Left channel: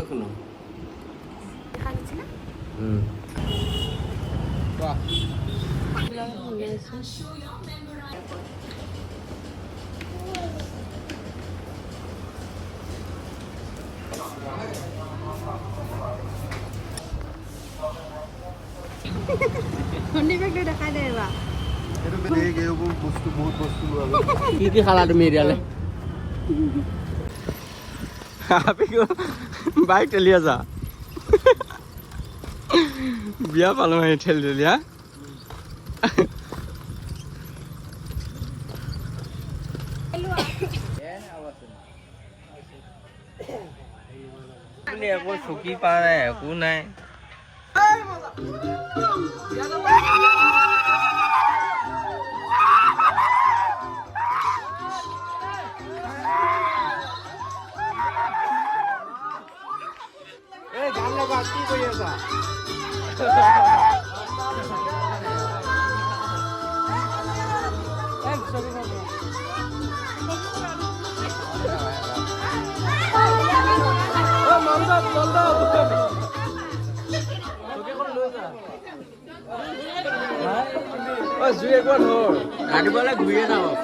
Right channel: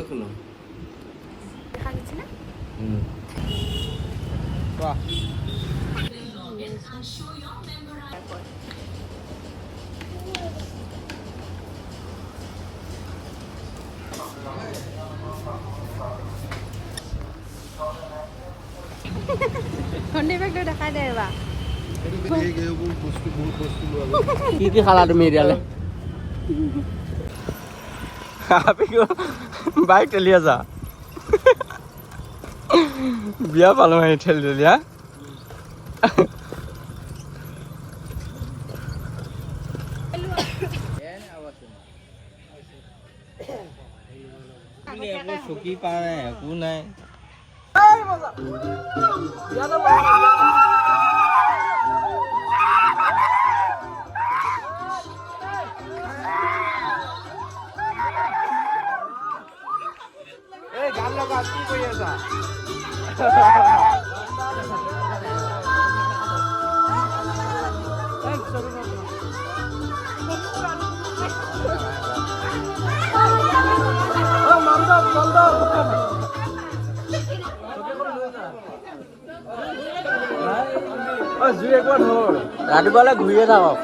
এখনো দেখা যাচ্ছে না বাহ কি কি খালা তুমি এতিয়ালে বাইক ঠেলি আছা বিয়া পালো ঠেলি ঠেলি হা একো চুকি পা নাই একো নাই গান লগা কি কৰি আছা ৰাতিপুৱালে ঘূৰিয়ে থাকক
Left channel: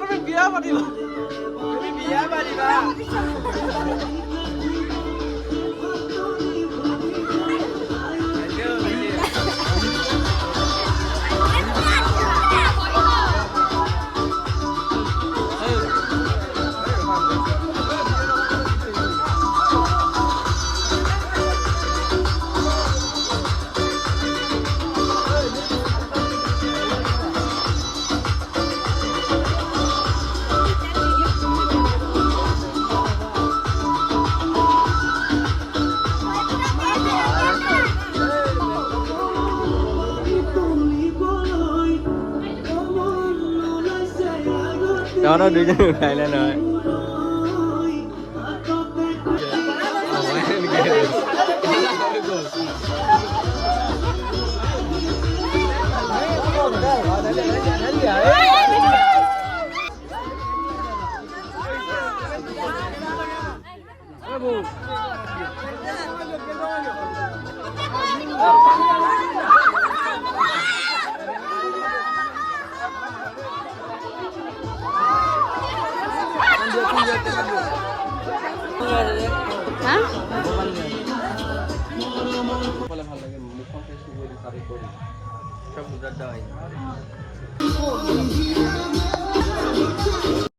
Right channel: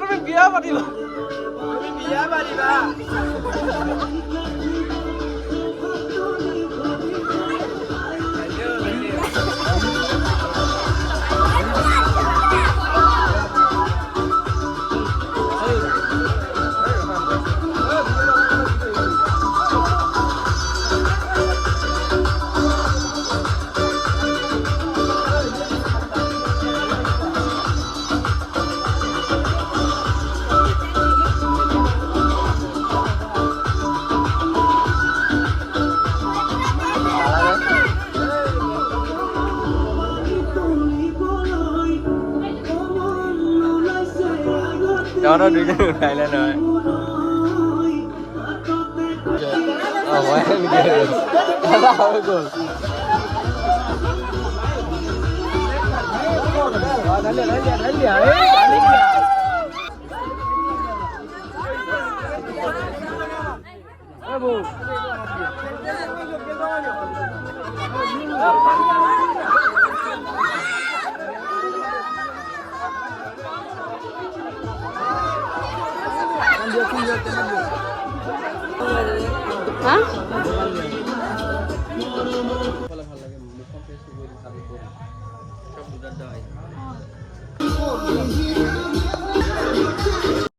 তুমি বিয়া পাতিবা বিয়া পাতিবা đó dudukan udah lah no. Oh, main gitu. Salah bagus. Abu. Hah?